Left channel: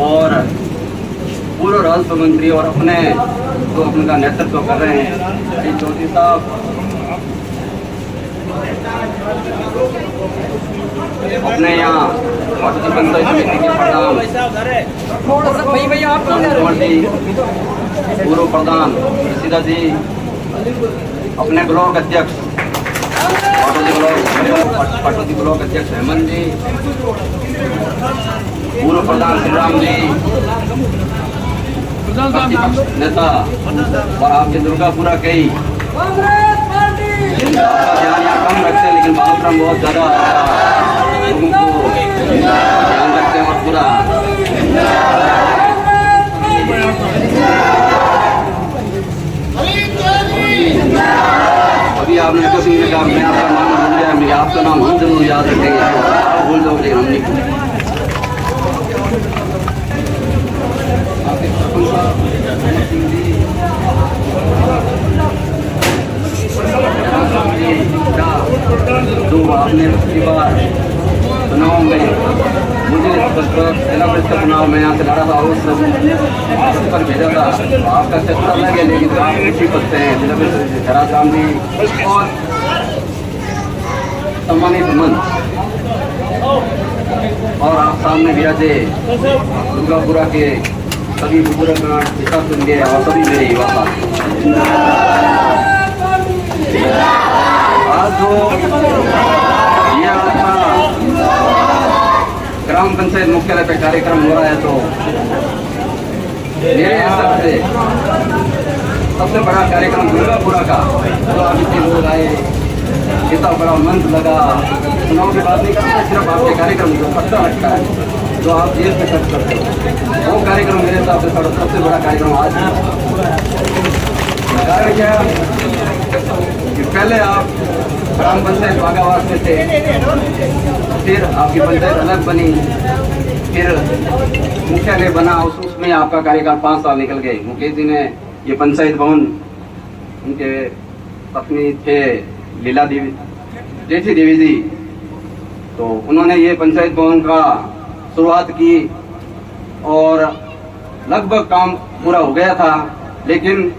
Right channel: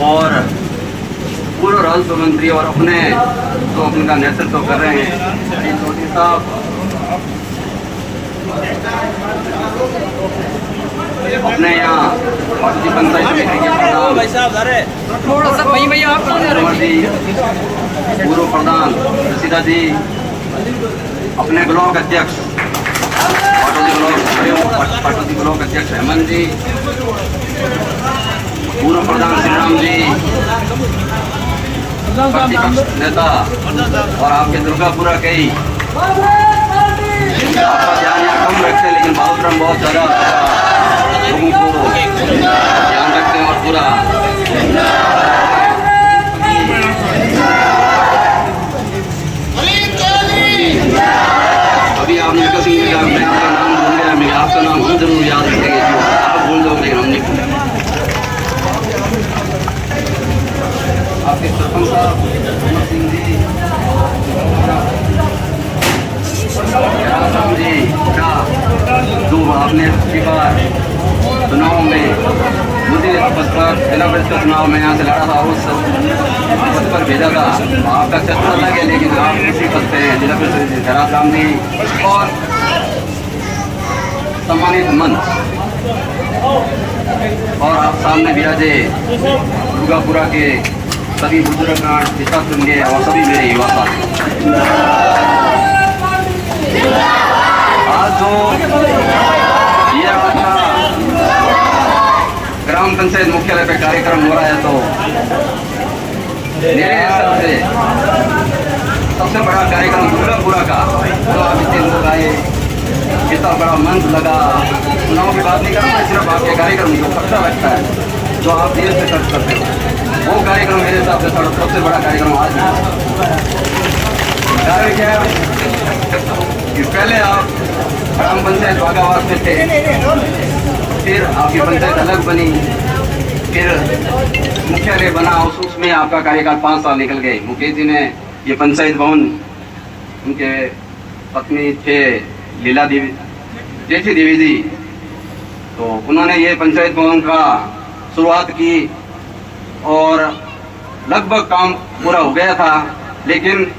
और पूर्व राजस्व मंत्री और अपने जो उनका नेतृत्व कर रहे हैं श्री चौधरी साहब, अपने यहाँ पंचायत समिति के पूर्व प्रधान सीधा जी, अपने ब्लॉक अध्यक्ष पार्टी ब्लॉक अध्यक्ष हेमंत जी, पूर्व प्रधान श्रीराम जी, प्रतिपक्ष नेता और आपके दुर्गापुरा के ही कम रखते, लेकिन बाबूराम बहुत ज्यादा लोगों को ध्यान रखते हैं और पूरा अभी आपने सिंह जी का नाम भूल गया, मेरे आपका नाम हम जरूर याद रखेंगे, आप भूल जाओगे हम नहीं। आपके सरपंच साहब सिंह जी, जो आपने पिछली बार चुनाव में मुझे जिला परिषद चुनाव में यहाँ से लड़ा था, उस पद पर भेजा था, आपका चर्चा लग गया, लेकिन आप उसी पद पे हैं जिला परिषद राम जी। और सम्मानित मंच और आप सामने विराजे दुर्गापुरा के सभी बुजुर्ग हिसाब सुनिए और सभी मेरे युवा आज जो ये ग्राम पंचायत मुख्यालय पे कार्यक्रम हो रहा है, तो मेरे हिसाब से सबसे बड़ा कार्यक्रम दुर्गापुरा का जो अभी दिन आए, इतना बड़ा मंच लगा, चुनाव की बात नहीं करता, सिर्फ आपके कार्यक्रम जो खर्चा रखता है, जो आप देर से खर्च करते हैं, वो कार्यक्रम मेरे हिसाब से सबसे बड़ा कार्यक्रम आज है। कारण क्या है कि पहले आप ग्राम पंचायत बागावास में थे, फिर आपकी पंचायत अलग बनी, फिर मुख्यालय बना, उसमें आपका कार्यकाल 5 साल निकल गए। मुकेश जी ने ये पंचायत भवन, उनके पत्नी थे लीला देवी, जैसी देवी जी, तो उन्होंने ये पंचायत भवन का शुरुआत की और लगभग काम पूरा हो गया था, लेकिन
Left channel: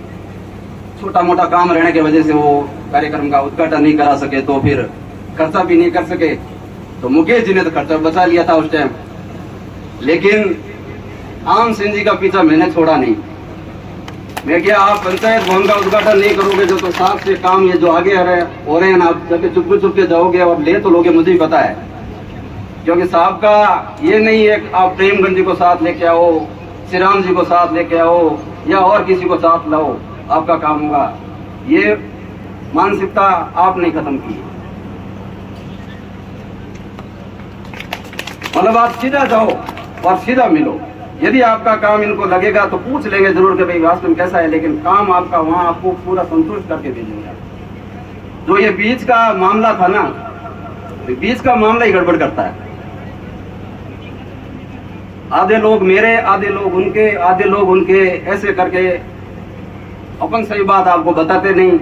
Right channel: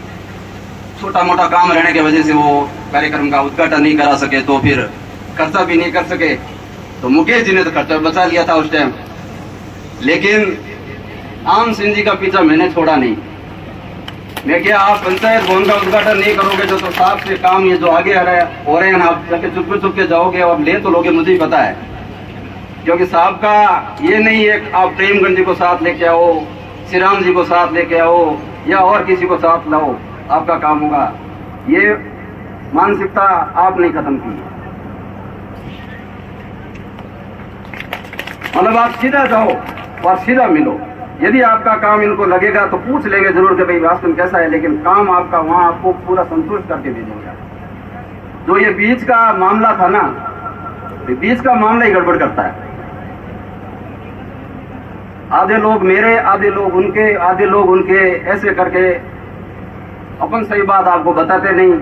छोटा मोटा काम रहने की वजह से वो कार्यक्रम का उद्घाटन नहीं करा सके, तो फिर खर्चा भी नहीं कर सके। तो मुकेश जी ने तो खर्चा बचा लिया था उस टाइम, लेकिन आम सिंह जी का पीछा मैंने छोड़ा नहीं। मैं क्या, आप पंचायत भवन का उद्घाटन नहीं करोगे जो, तो साहब से काम ये जो आगे हो रहे हैं ना, आप जाके चुपके जाओगे और ले तो लोगे, मुझे ही पता है, क्योंकि साहब का ये नहीं है आप प्रेमगंज जी को साथ लेके आओ, श्रीराम जी को साथ लेके आओ या और किसी को साथ लाओ, आपका काम होगा। ये मानसिकता आपने खत्म की, मतलब आप सीधा जाओ और सीधा मिलो। यदि आपका काम इनको लगेगा तो पूछ लेंगे जरूर कि भाई वास्तव में कैसा है, लेकिन काम आपका वहां आपको पूरा संतुष्ट करके भेजेंगे। जो ये बीच का मामला था ना, बीच का मामला ही गड़बड़ करता है। आधे लोग मेरे, आधे लोग उनके, आधे लोग उनके, ऐसे करके अपन सही बात आपको बताते नहीं,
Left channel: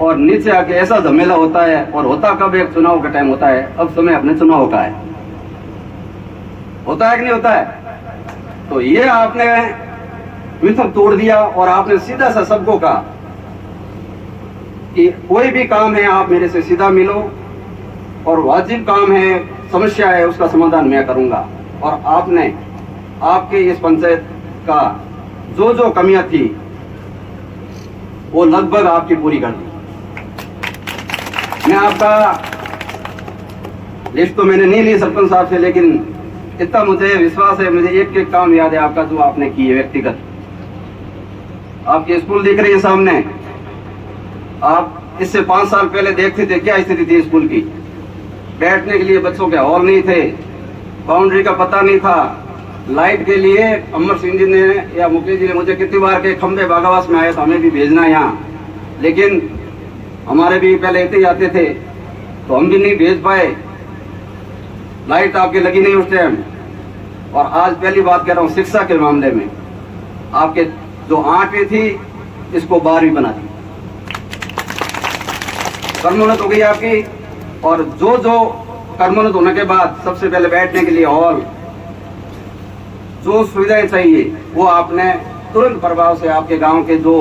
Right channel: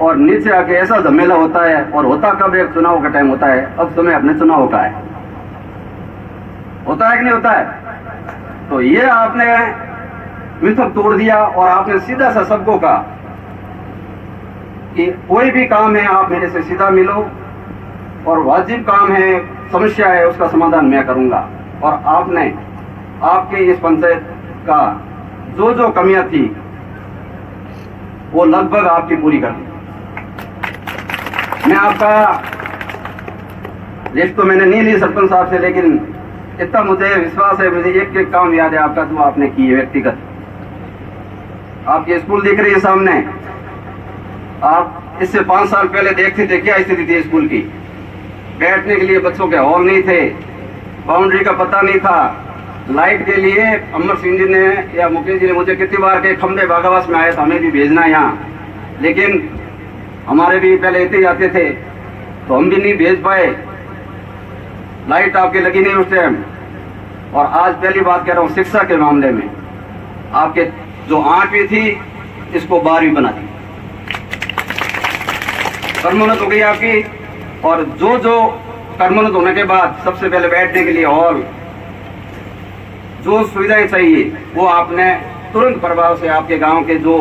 और नीचे आके ऐसा झमेला होता है। और होता कब, एक चुनाव का टाइम होता है, अब समय अपने चुनाव का है, होता है कि नहीं होता है। तो ये आपने मिथक तोड़ दिया और आपने सीधा सा सबको कहा कि कोई भी काम है आप मेरे से सीधा मिलो, और वाजिब काम है, समस्या है, उसका समाधान मैं करूंगा। और आपने आपके इस पंचायत का जो जो कमियां थी वो लगभग आपकी पूरी कर दी। मैं आपका लिस्ट तो मैंने नहीं ली सरपंच साहब से, लेकिन इतना मुझे विश्वास है, मुझे एक एक काम याद है आपका जो आपने की है व्यक्तिगत। आपके स्कूल दिख रही है सामने, आप इससे 5 साल पहले देखते थे क्या स्थिति थी स्कूल की। बैठने के लिए बच्चों के हॉल नहीं थे, बाउंड्री का पता नहीं था, लाइट के लिए अमर सिंह जी ने या मुकेश जी ने मुझे कितनी बार के खंबे बागावास में आए तो हमें भी भेजना है यहाँ, लेकिन हमारे भी पहले ऐसे ही आते थे तो हम भी नहीं भेज पाए, लाइट आपकी लगी नहीं उस टाइम। और आज पहली बात कह रहा हूँ, शिक्षा के मामले में आपके जो 8वीं थी इसको 12वीं बना दी, कर्मोन्नत हो गई आपकी। और जो जो कर्मोन्नत होने के बाद सबसे पहले बैठने के लिए हॉल, जो सुविधाएं चाहिए वो आपने तुरंत प्रभाव से आपके गांव के जो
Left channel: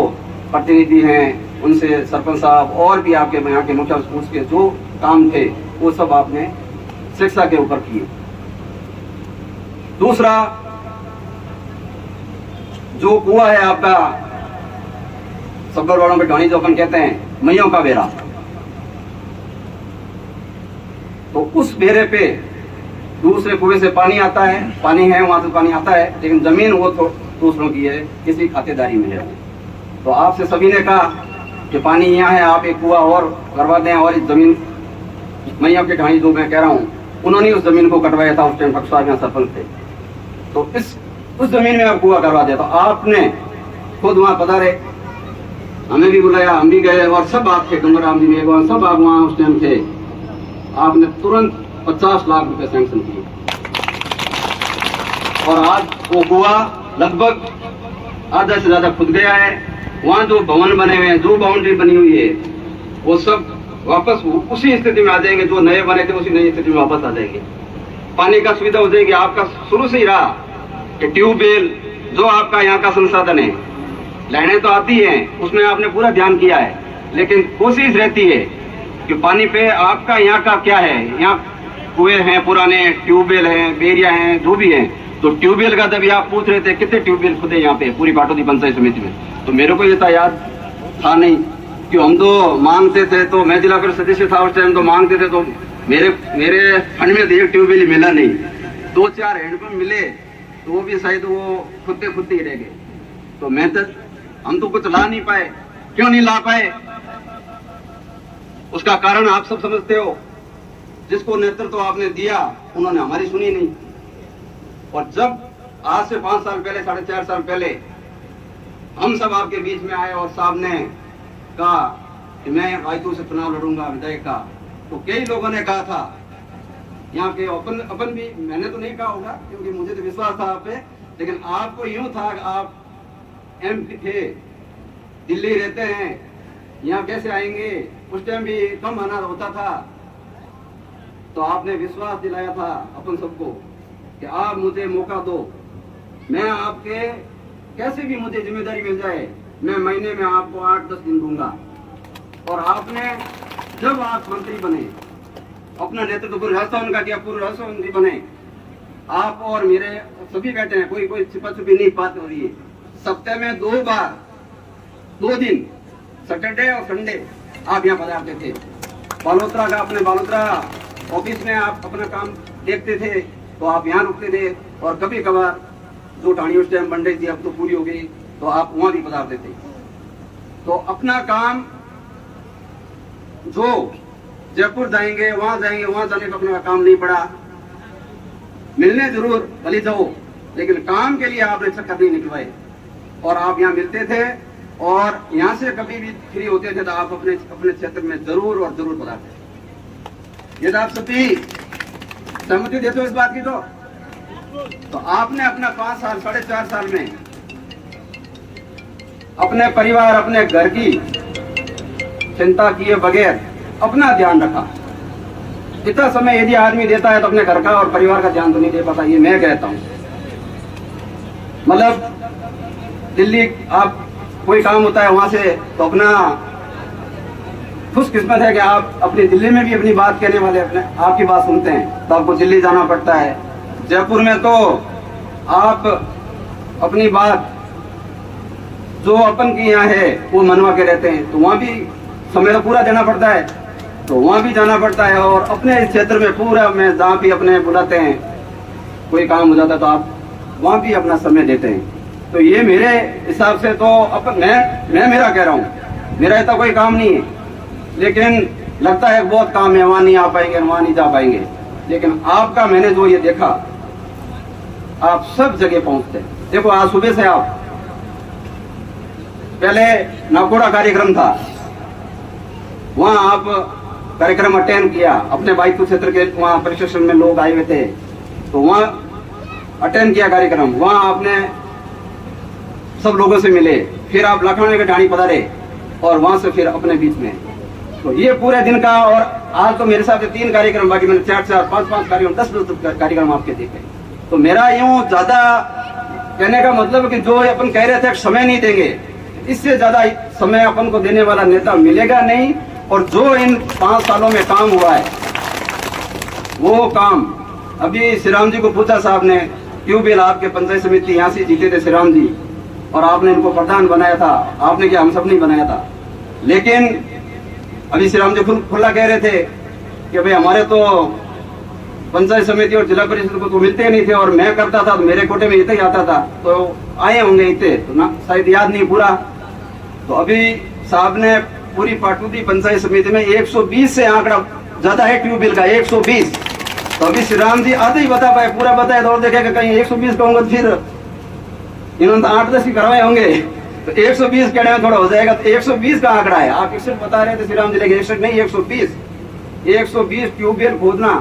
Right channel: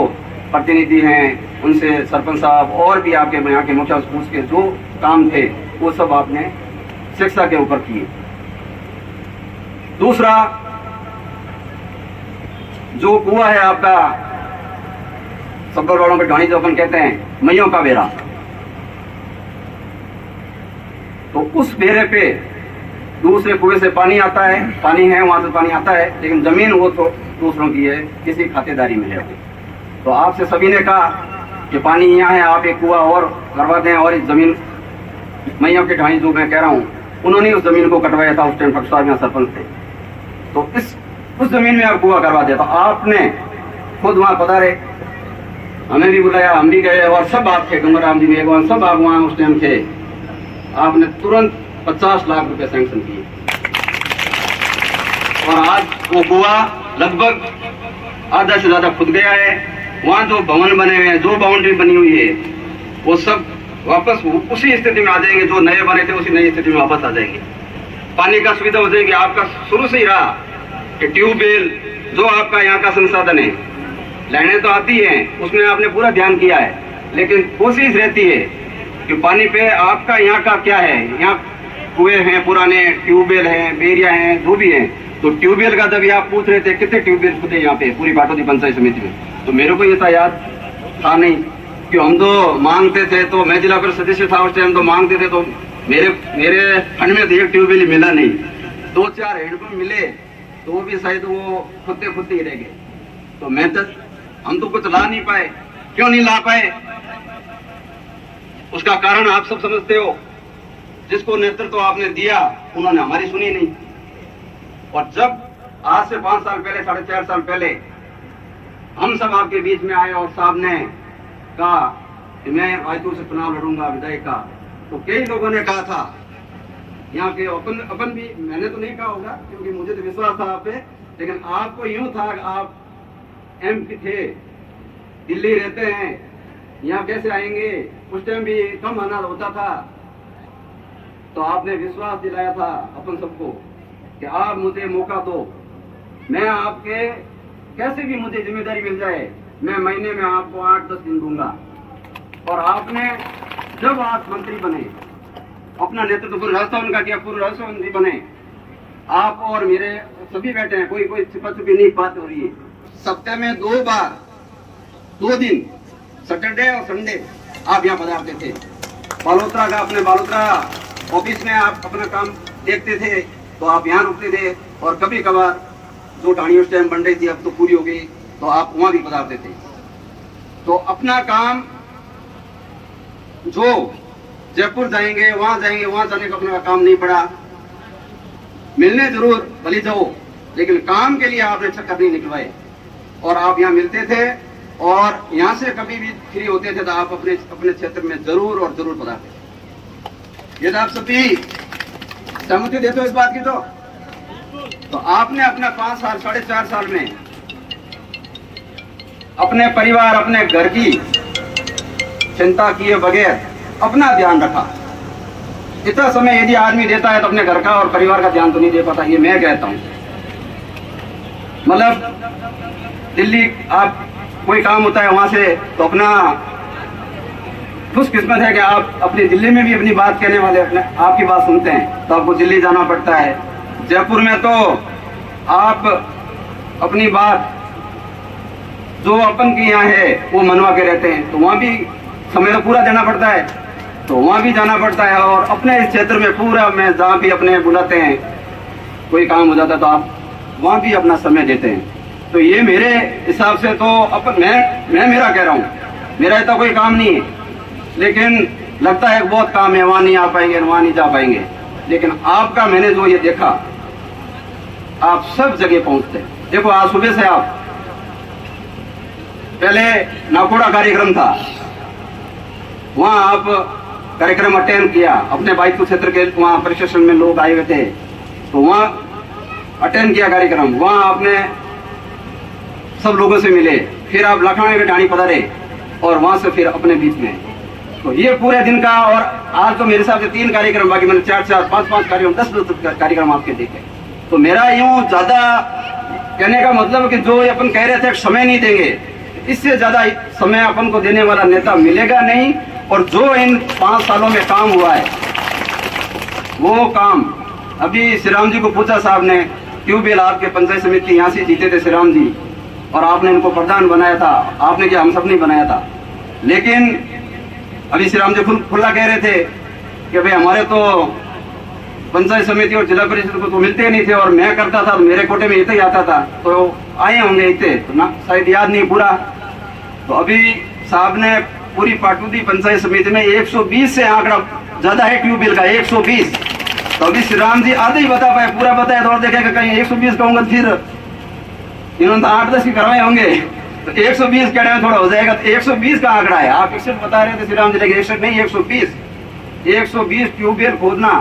प्रतिनिधि हैं उनसे, सरपंच साहब और भी आपके यहाँ के मुखिया स्कूल के जो काम थे वो सब आपने शिक्षा के ऊपर किए। दूसरा, जो कुआ है आपका सब्बरवाड़ों के ढाणी जो अपन कहते हैं मैयों का बेरा, तो उस बेरे पे दूसरे कुएं से पानी आता है, पानी है वहां से पानी आता है, लेकिन जमीन वो तो दूसरों की है, किसी खातेदारी में है। तो आपसे सभी ने कहा कि पानी यहाँ है, आप एक कुआ और करवा दें, और इस जमीन मैयों के ढाणी जो मैं कह रहा हूँ उन्होंने उस जमीन को कटवाया था, उस टाइम डॉक्टर साहब यहाँ सरपंच थे, तो उस जमीन में आप कुआ करवा दिया। तो आपने खुद वहां पधारे, हमें भी बुलाया, हम भी गए, और सब बात थे, डूंगराम जी में सब बाग वहां उस टाइम थे। आपने तुरंत 50 लाख रुपए सैंक्शन किए, और आज वो कुआ लगभग आधा से ज्यादा खुद गया है। वहां जो भवन बने हुए हैं, जो बाउंड्री बनी हुई है, वो सब वापस उसी स्थिति में आ जाएंगे, जो नए बने थे उसी नई स्थिति में वापस आ जाएंगे। पानी का सुविधा हो जाएगी। आपका शुरू से ही रहा कि ट्यूबवेल जो आपका यहाँ का संसाधन है, लाइनें तो आती हैं, उसमें आपने पूरा ध्यान किया है, लेकिन कोशिश रहती है कि पानी पे आपका यहाँ का क्या है। यहाँ कुएं हैं पुराने, ट्यूबवेल हैं, बेरिया हैं, जो भी हैं। तो ट्यूबवेल का जब आप पूछ रहे थे कितने ट्यूबवेल खुदे यहाँ पे पूरी बाटोदी पंचायत समिति में, तो मेरे को ये था याद था नहीं कि हम तो मांगते थे, तो मैं जिला परिषद सदस्य था उस टाइम, तो मांगते थे, तो मेरे फंड में तो एक ट्यूबवेल ही मिला नहीं, 2-4 हैंडपंप मिले, तो वो भी शायद वो खुदते ही रह गए। तो मैं तो हम तो कुछ ला नहीं पाए। क्यों नहीं ला पाए? उसका कारण आप सब समझते हो। जिसको नेतृत्व आपने दिया उन्होंने हमारी सुनी नहीं। और जब आज से 5 साल पहले, 4.5 साल पहले हम सब आपके बीच में आए और साहब ने कहा कि मैं आयतू से चुनाव लड़ूंगा विधायक का, तो कई लोगों ने कहा था यहाँ के, अपन भी, मैंने तो नहीं कहा होगा क्योंकि मुझे तो विश्वास था आप पे, लेकिन आपको यूं था कि आप MP थे, दिल्ली रहते हैं, यहाँ कैसे आएंगे, उस टाइम भी कम आना होता था, तो आपने विश्वास दिलाया था अपन सबको कि आप मुझे मौका दो, मैं आपके कैसे भी मुझे जिम्मेदारी मिल जाए, मैं महीने में आपको 8-10 दिन दूंगा। और आपने जब आप मंत्री बने, अपना नेतृत्व पूरी रास्ता उनका किया, पूरी रास्ता मंत्री बने, आप और मेरे सभी बैठे हैं, कोई छिपा छुपी नहीं बात हो रही है। सप्ताह में 2 बार 2 दिन, सैटरडे और संडे आप यहाँ पधारते थे। बालोतरा का, अपने बालोतरा ऑफिस में आप अपना काम देखते थे, तो आप यहाँ रुकते थे, और कभी कभार जो ढाणी उस टाइम बन रही थी अब तो पूरी हो गई, तो आप वहां भी पधारते थे। तो अपना काम, जो जयपुर जाएंगे वहां जाने का अपना काम नहीं पड़ा। मिलने जरूर भले जाओ, लेकिन काम के लिए आपने चक्कर नहीं निकलवाए, और आप यहाँ मिलते थे, और यहाँ से कभी भी फ्री होते थे तो आप अपने क्षेत्र में जरूर और जरूर पधारते थे। यदि आप सभी सहमति देते हो इस बात की, तो आपने अपना 5 साल, 4.5 साल में अपने परिवार, अपने घर की चिंता किए बगैर अपना ध्यान रखा। इतना समय यदि आदमी देता है तो अपने घर का और परिवार का ध्यान तो नहीं दे पाता, ये मैं कहता हूं। मतलब दिल्ली आप कोई काम होता है वहां से, तो अपना खुशकिस्मत है कि आप अपनी दिल्ली में भी अपनी बात कहने वाले अपने आपकी बात सुनते हैं, तो आपको दिल्ली जाना पड़ता है। जयपुर में तो आप अपनी बात जो अपन की यहाँ है वो मनवा के रहते हैं, तो वहां भी समय पूरा देना पड़ता है, तो वहां भी जाना पड़ता है। और अपने इस क्षेत्र में पूरा, मैं जहाँ भी अपने बुलाते हैं, कोई काम हो जाता है तो आप वहां भी अपना समय देते हैं। तो ये मेरे हिसाब से तो अपन, मैं मेरा कह रहा हूँ, मेरा इतना कोई काम नहीं है, लेकिन लगता है बहुत काम है, वहां नहीं आ पाएंगे, वहां नहीं जा पाएंगे, लेकिन आपका मैंने जो ये देखा, आप सब जगह पहुंचते हैं। देखो आज सुबह से आप, पहले नाकोड़ा कार्यक्रम था, वहां आप कार्यक्रम अटेंड किया, अपने बाइकपुर क्षेत्र के वहां प्रशिक्षण में लोग आए हुए थे, तो वहां अटेंड किया कार्यक्रम, वहां आपने सब लोगों से मिले, फिर आप लखनऊ के ढाणी पधारे, और वहां से फिर अपने बीच में तो ये पूरे दिन का, और आज तो मेरे हिसाब से 3 कार्यक्रम, बाकी मैंने 4-4, 5-5 कार्यक्रम, 10 कार्यक्रम आपके देखे। तो मेरा यूं ज्यादा कहने का मतलब कि जो अपन कह रहे थे समय नहीं देंगे, इससे ज्यादा समय अपन को देने वाला नेता मिलेगा नहीं। और जो इन 5 सालों में काम हुआ है वो काम, अभी श्री राम जी को पूछा साहब ने, ट्यूबवेल आपके पंचायत समिति यहाँ से जीते थे श्री राम जी, और आपने इनको प्रधान बनाया था, आपने क्या हम सब नहीं बनाया था। लेकिन अभी श्री राम जी खुला कह रहे थे कि भाई हमारे तो पंचायत समिति और जिला परिषद को तो मिलते नहीं थे, और मैं करता था तो मेरे कोटे में इतना ही आता था, तो आए होंगे इतने, तो ना शायद याद नहीं पूरा। तो अभी साहब ने पूरी पाटुदी पंचायत समिति में 120 से आंकड़ा ज्यादा है ट्यूबवेल का, 120। तो अभी श्री राम जी आधे ही बता पाए, पूरा बताए तो देखेगा कहीं 120 कहूंगा फिर इन्होंने तो 8-10 भी करवाए होंगे, तो 120 कहने में थोड़ा हो जाएगा। तो 120 का आंकड़ा है, आप 61 बता रहे थे श्री राम जी, लेकिन 61 नहीं, 120 ट्यूबवेल खोदना।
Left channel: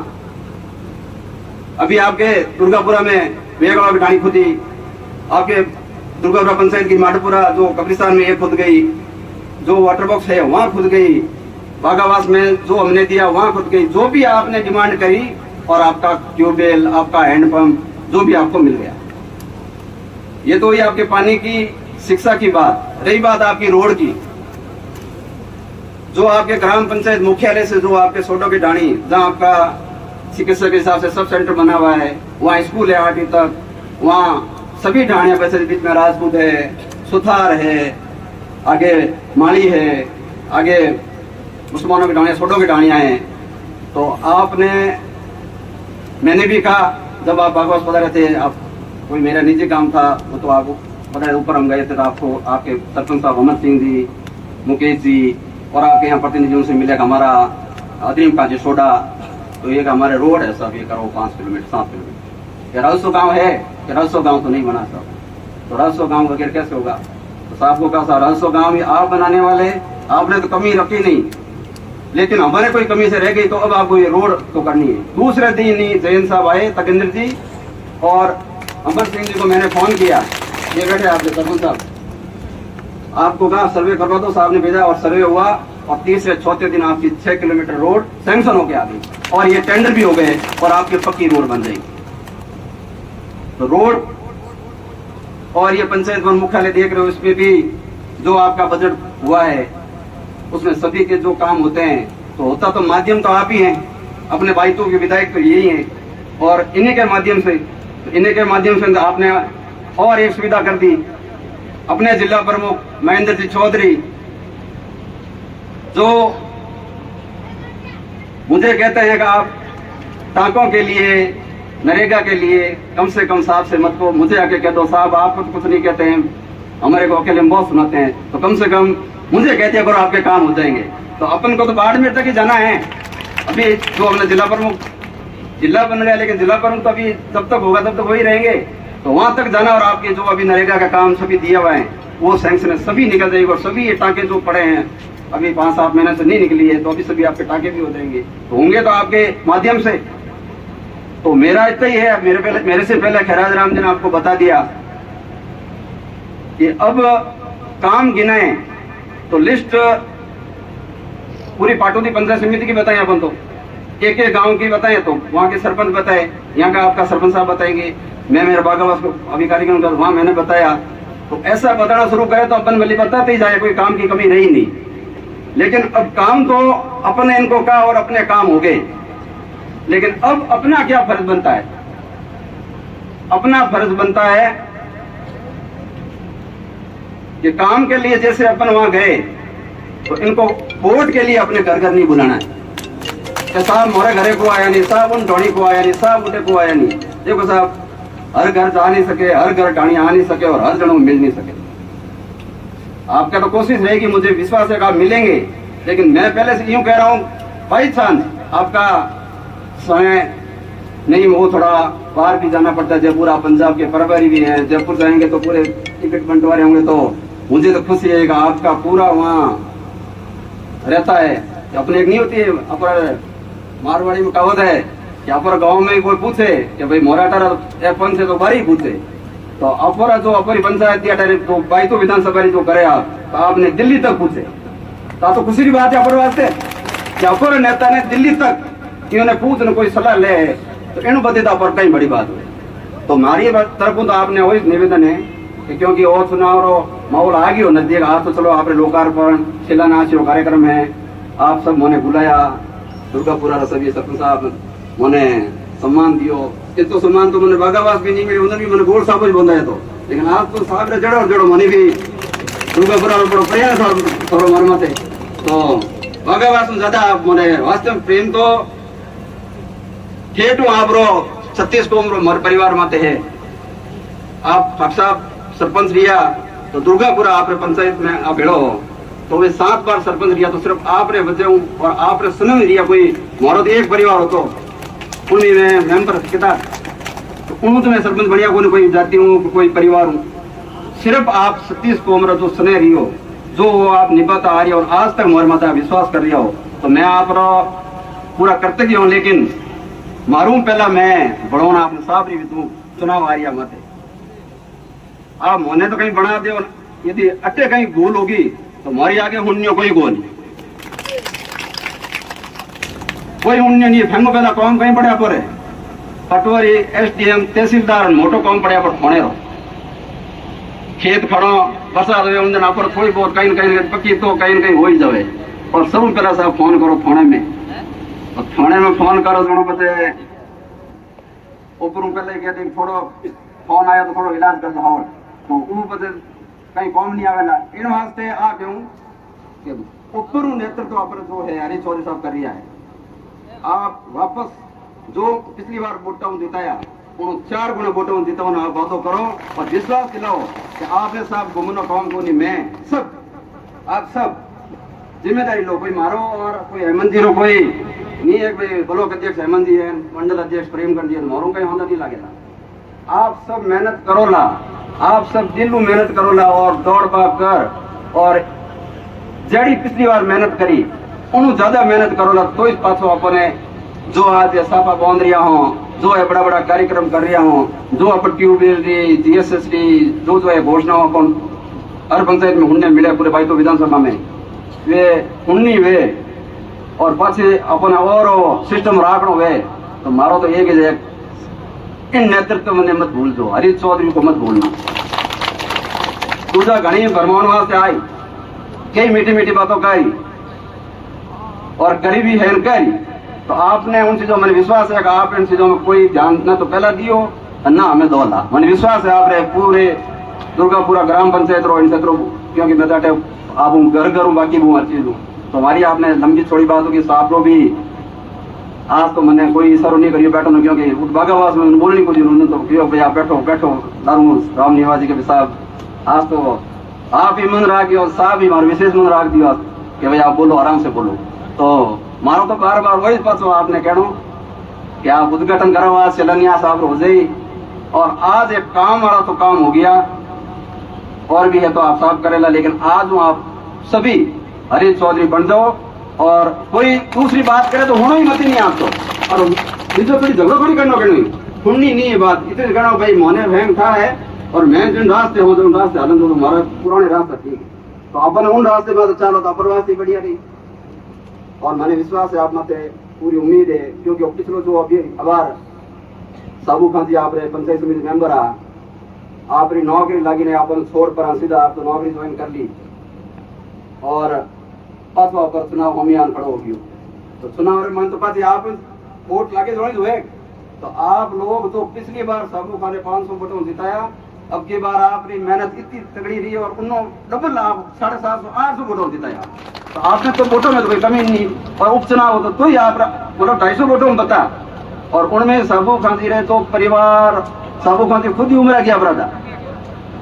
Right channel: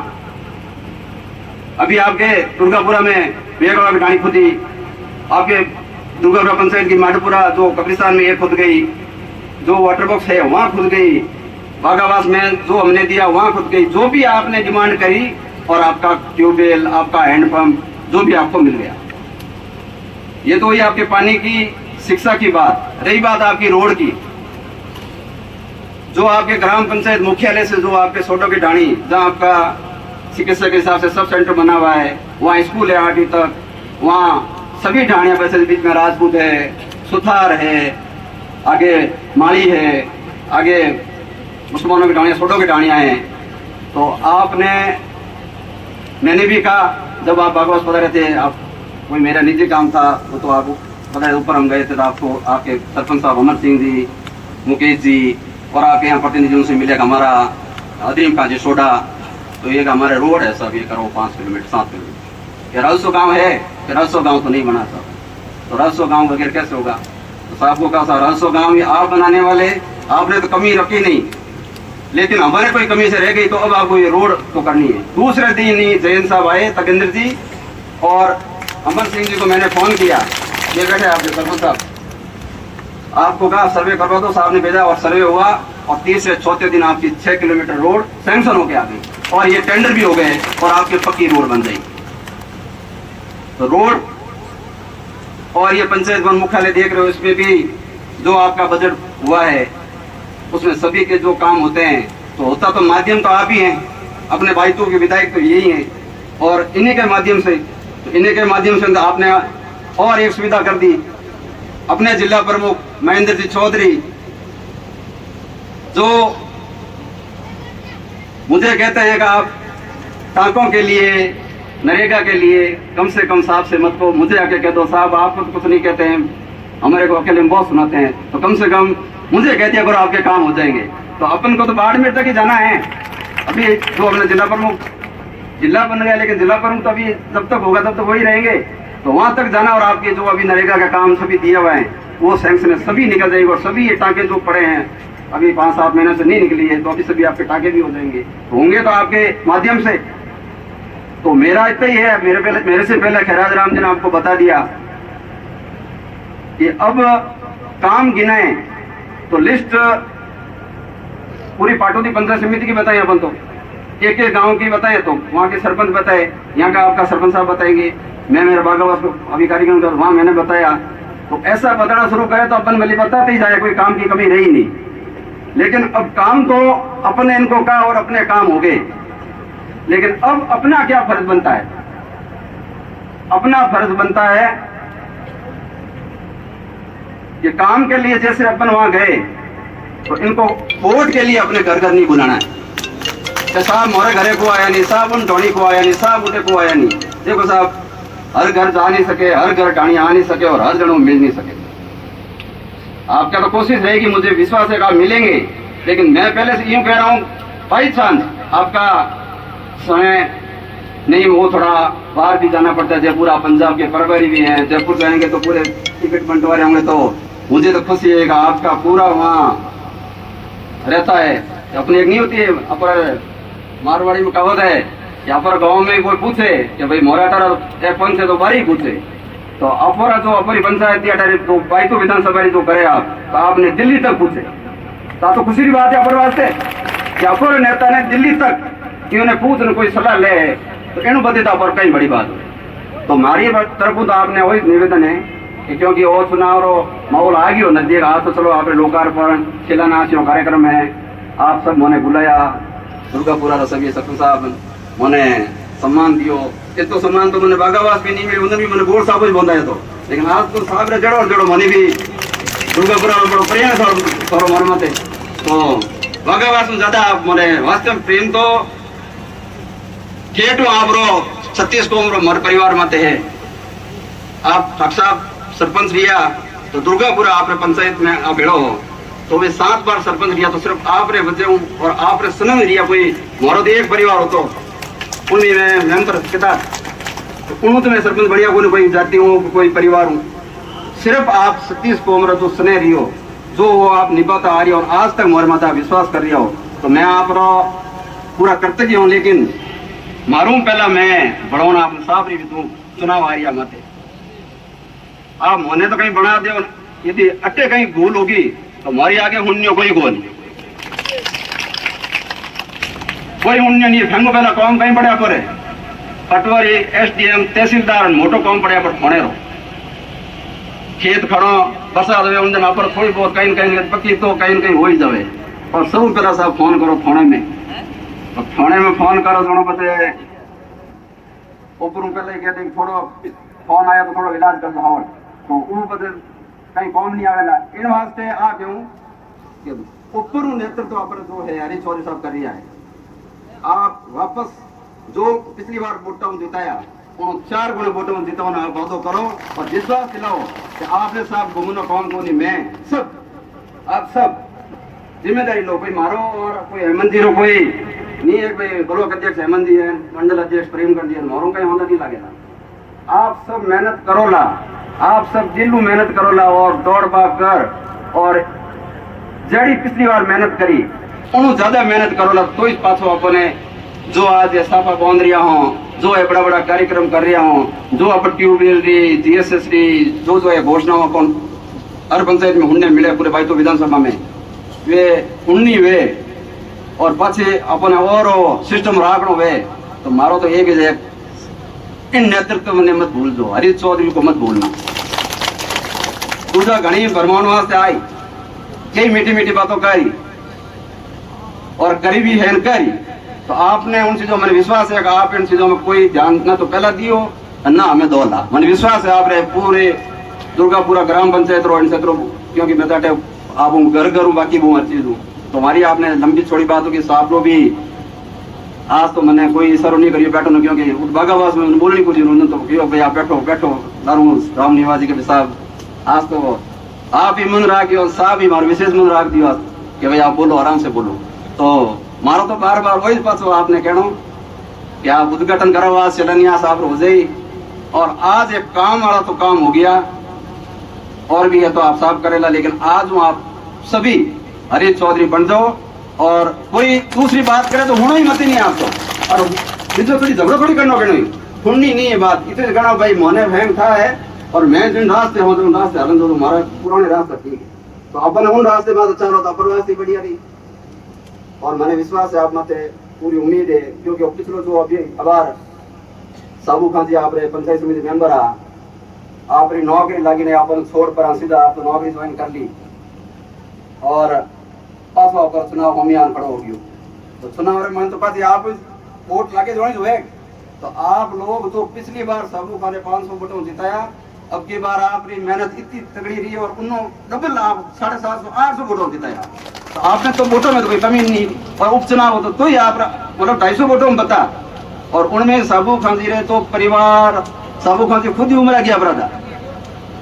अभी आपके दुर्गापुरा में बेगवा बिठानी खुदी, आपके दुर्गापुरा पंचायत की माटपुरा जो कब्रिस्तान में ये खुद गई, जो वाटर बॉक्स है वहां खुद गई, बागावास में जो हमने दिया वहां खुद गई। जो भी आपने डिमांड करी, और आपका ट्यूबवेल, आपका हैंडपंप, जो भी आपको मिल गया। ये तो ये आपके पानी की, शिक्षा की बात रही। बात आपकी रोड की, जो आपके ग्राम पंचायत मुख्यालय से जो आपके सोडो की ढाणी, जहाँ आपका चिकित्सा के हिसाब से सब सेंटर बना हुआ है, वहाँ स्कूल है 8वीं तक, वहाँ सभी ढाणियां, वैसे बीच में राजपूत है, सुथार है, आगे माली है, आगे मुसलमानों की ढाणियां, सोडो की ढाणियां हैं। तो आपने, मैंने भी कहा जब आप बागवास बता रहे थे, आप कोई मेरा निजी काम था वो तो आपको पता है, ऊपर हम गए थे तो आपको आपके सरपंच साहब अमर सिंह जी, मुकेश जी और आपके यहाँ प्रतिनिधियों से मिलेगा हमारा अदीम काजी सोडा। तो ये हमारे रोड है सब, ये करो 5 किलोमीटर 7 किलोमीटर। ये राजस्व गाँव है, राजस्व गाँव तो नहीं बना सब, तो राजस्व गाँव वगैरह कैसे होगा। तो साहब को कहा राजस्व गाँव आप बनाने वाले, आपने तो कमी रखी नहीं, लेकिन हमारे कोई कमी से रह गई, तो अब आपको ये रोड तो करनी है। दूसरे दिन ही जयंत साहब आए, तकेंद्र जी और अमर सिंह जी को मैंने फोन किया, ये बैठे आपके सरपंच साहब, आपको कहा सर्वे करवा दो, साहब ने भेजा और सर्वे हुआ, और 30 से 34 दिन आपकी 6 किलोमीटर रोड सैंक्शन होके आ गई, और ये टेंडर भी हो गए, और आपकी पक्की रोड बन गई। तो रोड और ये पंचायत वन मुख्यालय देख रहे हो, इसमें भी जो आपका बजट हुआ है उसमें सभी के जो काम होते हैं, तो होता तो माध्यम तो आप ही हैं, अपने बाइतों के विधायक तो यही हैं, और इन्हीं के माध्यम से, तो इन्हीं के माध्यम से आपने और एक सुविधा कर दी। अपने जिला प्रमुख महेंद्र जी चौधरी, जो मुझे कहते हैं कि आप टाँकों के लिए, नरेगा के लिए कम से कम साहब से मत को, मुझे आके कह दो साहब, आप कुछ नहीं कहते हैं, हमारे को अकेले में बहुत सुनाते हैं, तो कम से कम मुझे कहते हैं करो, आपके काम हो जाएंगे। तो अपन को तो बाड़मेर तक ही जाना है। अभी जो हमने जिला प्रमुख, जिला बन गया, लेकिन जिला प्रमुख तो अभी जब तक होगा तब तक वही रहेंगे, तो वहां तक जाना। और आपके जो अभी नरेगा का काम सभी दिया हुआ है वो सैंक्शन सभी निकल जाएगी, और सभी ये टाँके जो पड़े हैं अभी 5-7 महीने से नहीं निकली है, तो अभी सभी आपके टाँके भी हो जाएंगे, तो होंगे तो आपके माध्यम से। तो मेरा इतना ही है, मेरे से पहले खैराज राम जी ने आपको बता दिया कि अब काम गिने तो लिस्ट पूरी पाटोदी पंचायत समिति की बताएं, अपन तो एक गांव की बताएं, तो वहाँ के सरपंच बताए, यहाँ का आपका सरपंच साहब बताएंगे, मैं मेरा बागावास को अभी कार्यक्रम कर वहाँ मैंने बताया। तो ऐसा बताना शुरू करे तो अपन भले बताते ही जाए, कोई काम की कमी रही नहीं। लेकिन अब काम तो अपने इनको कहा और अपने काम हो गए, लेकिन अब अपना क्या फर्ज बनता है? अपना फर्ज बनता है कि काम के लिए जैसे अपन वहां गए तो इनको वोट के लिए अपने घर घर नहीं बुलाना है कि साहब हमारे घरे को आया नहीं, साहब उन ढोनी को आया नहीं, साहब उठे को आया नहीं। देखो साहब, हर घर जा नहीं सके, हर घर ढाणी आ नहीं सके, और हर जगह मिल नहीं सके। आपका तो कोशिश रहेगी, मुझे विश्वास है कि आप मिलेंगे, लेकिन मैं पहले से यूं कह रहा हूं, बाई चांस आपका समय नहीं, वो थोड़ा बाहर भी जाना पड़ता है, जयपुर, आप पंजाब के प्रभारी भी हैं, जयपुर जाएंगे तो पूरे टिकट बंटवारे होंगे, तो मुझे तो खुशी है कि आपका पूरा वहाँ रहता है। अपनी एक नहीं होती है, अपर मारवाड़ी में कहावत है कि अपर गाँव में कोई पूछे कि भाई मोराटारा पंच है तो बारी पूछे, तो अपर जो अपरी पंचायत तो बाई तो विधानसभा जो करे आप, तो आपने दिल्ली तक पूछे, तो खुशी की बात है अपर वास्ते। कि अपर नेता ने दिल्ली तक इन्होंने पूछ ने कोई सलाह ले तो इन बदे तो पर कई बड़ी बात है। तो हमारी तरफ तो आपने वही निवेदन है कि क्योंकि वो चुनाव रो माहौल आ गयो नजदीक आ तो चलो आपने लोकार्पण शिलान्यास रो कार्यक्रम है आप सब मोने बुलाया दुर्गापुरा रो सभी सरपंच साहब मोने सम्मान दियो ये तो सम्मान तो मैंने बागावास भी नहीं मिली उन्होंने भी मैंने गोल साहब बंदा है तो लेकिन आज तो साहब रे जड़ो जड़ो मने भी दुर्गापुरा रो बड़ो प्रेम थोड़ो मन मत तो बागावास में ज्यादा मोने वास्तव प्रेम तो केटो आप रो 36 को मर परिवार मत है आप साहब सरपंच रिया तो दुर्गापुरा आप पंचायत में आप भेड़ो तो वे 7 बार सरपंच रिया तो सिर्फ आप रे बचे और आप रे सुन रिया कोई मोरो एक परिवार हो तो उन्हीं में मेंबर किता तो उन्हों तो मैं सरपंच बढ़िया कोई जाति हूँ कोई परिवार हूँ सिर्फ आप 36 को उम्र जो सुने रही हो जो वो आप निभाता आ रही हो और आज तक मोर माता विश्वास कर रही हो तो मैं आप पूरा करते हूँ लेकिन मारूं पहला मैं बढ़ोना आपने साफ रही तू चुनाव आ रही मत आप मोने तो कहीं बना दो यदि अटे कहीं गोल होगी तो हमारी आगे हुन्य कोई गोल कोई हुन्य नहीं फेंगो पहला काम कहीं पड़ा पर पटवारी एसडीएम तहसीलदार मोटो काम पड़ा पर फोने रो खेत खड़ो बरसात हुए उन पर थोड़ी बहुत कहीं कहीं पक्की तो कहीं कहीं हो ही जाए और सब पहला साहब फोन करो फोने में तो थाने में फोन करो दोनों पते ऊपर पहले कहते थोड़ा फोन आया तो थोड़ा इलाज कर लो तो वो पते कहीं कौन नहीं आवेला इन वास्ते आ दूं कि ऊपर नेतृत्व आप जो है हरी चौधरी साहब कर रहा है आप वापस जो पिछली बार वोटा जिताया उन 4 गुना वोटा जिताना आप वादो करो और विश्वास दिलाओ कि आपने साहब घूमना कौन को नहीं मैं सब आप सब जिम्मेदारी लो कोई मारो और कोई हेमंत जी रो कोई नहीं है भाई ब्लॉक अध्यक्ष हेमंत जी है मंडल अध्यक्ष प्रेमकांत जी है मोरों का होना नहीं लगेगा आप सब मेहनत करो ला आप सब दिल में मेहनत करो ला और दौड़ भाग कर और जड़ी पिछली बार मेहनत करी उन्होंने ज्यादा मेहनत करो ला तो इस पासों अपने जो आज साफा बांध रिया हो जो है बड़ा बड़ा कार्यक्रम कर रहा हूँ जो अपन ट्यूबवेल री जीएसएस री जो है घोषणा अपन हर पंचायत में हुन्ने मिले पूरे बाइतो विधानसभा में वे हुन्नी वे और पाछे अपन और सिस्टम राखणो वे तो मारो तो एक है इन नेतृत्व में मत भूल दो हरी चौधरी को मत भूलना दूसरा घनी भरमाउन वास्ते आई कई मीठी मीठी बातों करी और गरीबी है करी तो आपने उन चीजों में विश्वास है कि आप इन चीजों में कोई ध्यान न तो पहला दियो ना हमें दोला मैंने विश्वास है आप रहे पूरे दुर्गापुरा ग्राम पंचायत रो इन क्षेत्रों क्योंकि मैं जाटे आप घर घर हूँ बाकी हूँ हर चीज हूँ तो हमारी आपने लंबी छोड़ी बात होगी साहब को भी आज तो मैंने कोई इशारा नहीं करिए बैठो ना क्योंकि बागावास में बोलने कुछ उन्होंने तो क्यों भैया बैठो बैठो राम निवासी के साहब आज तो आप ही मन रख दियो साहब ही हमारे विशेष मन रख दियो कि भैया आप बोलो आराम से बोलो तो मारो तो बार बार वही पास आपने कहना कि आप उद्घाटन करो आज शिलान्यास आप हो जाए और आज एक काम वाला तो काम हो गया और भी है तो आप साफ करेगा लेकिन आज आप सभी हरी चौधरी बन जाओ और कोई दूसरी बात करे तो होना ही मत नहीं आपको और जो थोड़ी झगड़ा थोड़ी करना कहना सुननी नहीं है बात इतने कहना भाई मोने फैम था है और मैं जिन रास्ते हो उन रास्ते हलन दो हमारा पुराने रास्ता ठीक है तो अपन उन रास्ते में तो चालो तो अप्रवासी बढ़िया रही और मैंने विश्वास है आप माते पूरी उम्मीद है क्योंकि पिछलो जो अभी अबार साबू खान जी आप पंचायत समिति मेंबर आप नौकरी लगी नहीं अपन छोड़ पर सीधा आप तो नौकरी ज्वाइन कर ली और पांचवा पर चुनाव अभियान खड़ा हो गयो तो चुनाव में तो पास आप वोट लाके जोड़े हुए तो आप लोग जो पिछली बार साबू खान ने 500 वोटों जिताया अब की बार आपकी मेहनत इतनी तगड़ी रही और उन्होंने डबल आप 750 800 वोटों जिताया तो आपने तो वोटों में तो कोई कमी नहीं और उपचुनाव हो तो ही आप मतलब 250 वोटों में बता और उनमें साबू खान जी रहे तो परिवार साबू खान जी खुद ही उम्र गया बरादा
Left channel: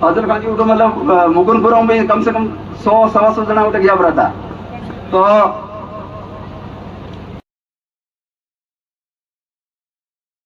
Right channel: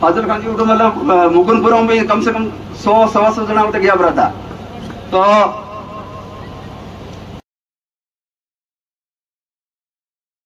फाजिल खान जी मतलब मुकुंदपुर में कम से कम 100 सवा 100 जना गया बरादा तो